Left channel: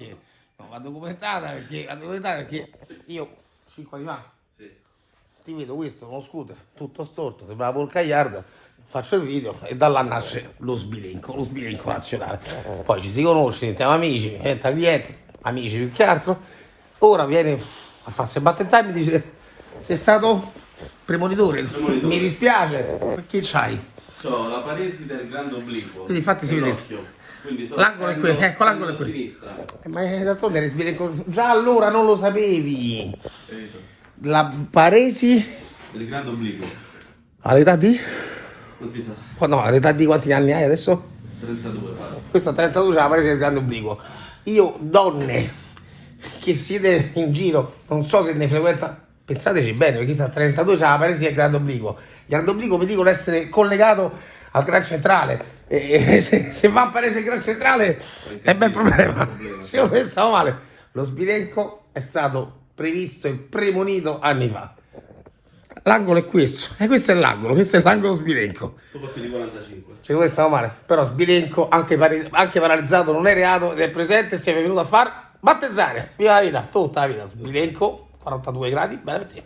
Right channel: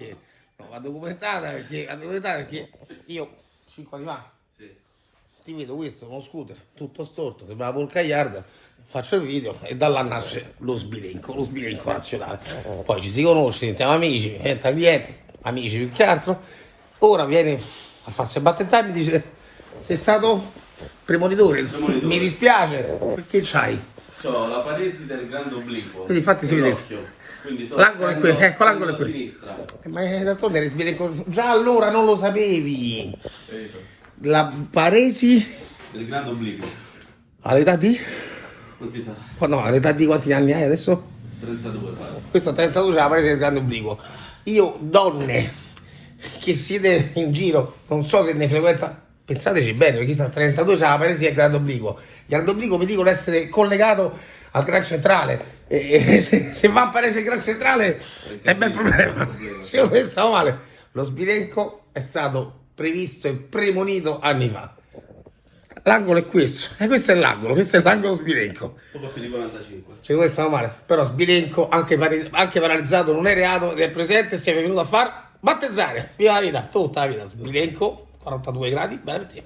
perché no, va documentata perché io 5 anni fa ti vedo questo, uno scooter, tutto storto, sembrava Paul Cagliarda, faccio il video e da là nasce lo sbilenco nazionale. Poi ci si conosce, diventiamo amici, diventa cliente, amici più che altro. Ora viene a farsi battezzare e mi dice sei stato premonitore, mi dispiace, perché c'hai? C'ho la paresi del grande obliquo. Quindi infatti si vede. nell'occhio. Quindi L'angolo è qui, ecco l'angolo è a qui. sinistra. Ma d'altronde eri sbilenco, già allora non lo sapevi. Capito? La paresi Del grande obliquo. all'età di? Non si sa. Oh no, all'età di quanti anni hai adesso? 32 quasi. Questo a 32 c'è la paresi del grande obliquo. Io, donne che siete in giro, non so se ne frequenta, pensateci bene, perché sta a 32 c'è la paresi del grande obliquo. Il grande obliquo mi dicono essere collegato al gran centrale. E se va a paresi del gran centrale è un bel problema. Se io pensavo male, lo sbilenco è stato previsto e premonito anni fa. L'angolo è questo, e questo è l'angolo sbilenco. Un po' più di 45. Secondo me stavo male, però sbilenco, anche paralizzato, non è reato ed è presente e si è venuto a far battezzare. Viva la vita, tutta la vita, sbilenco, 42 gradi, bene per te.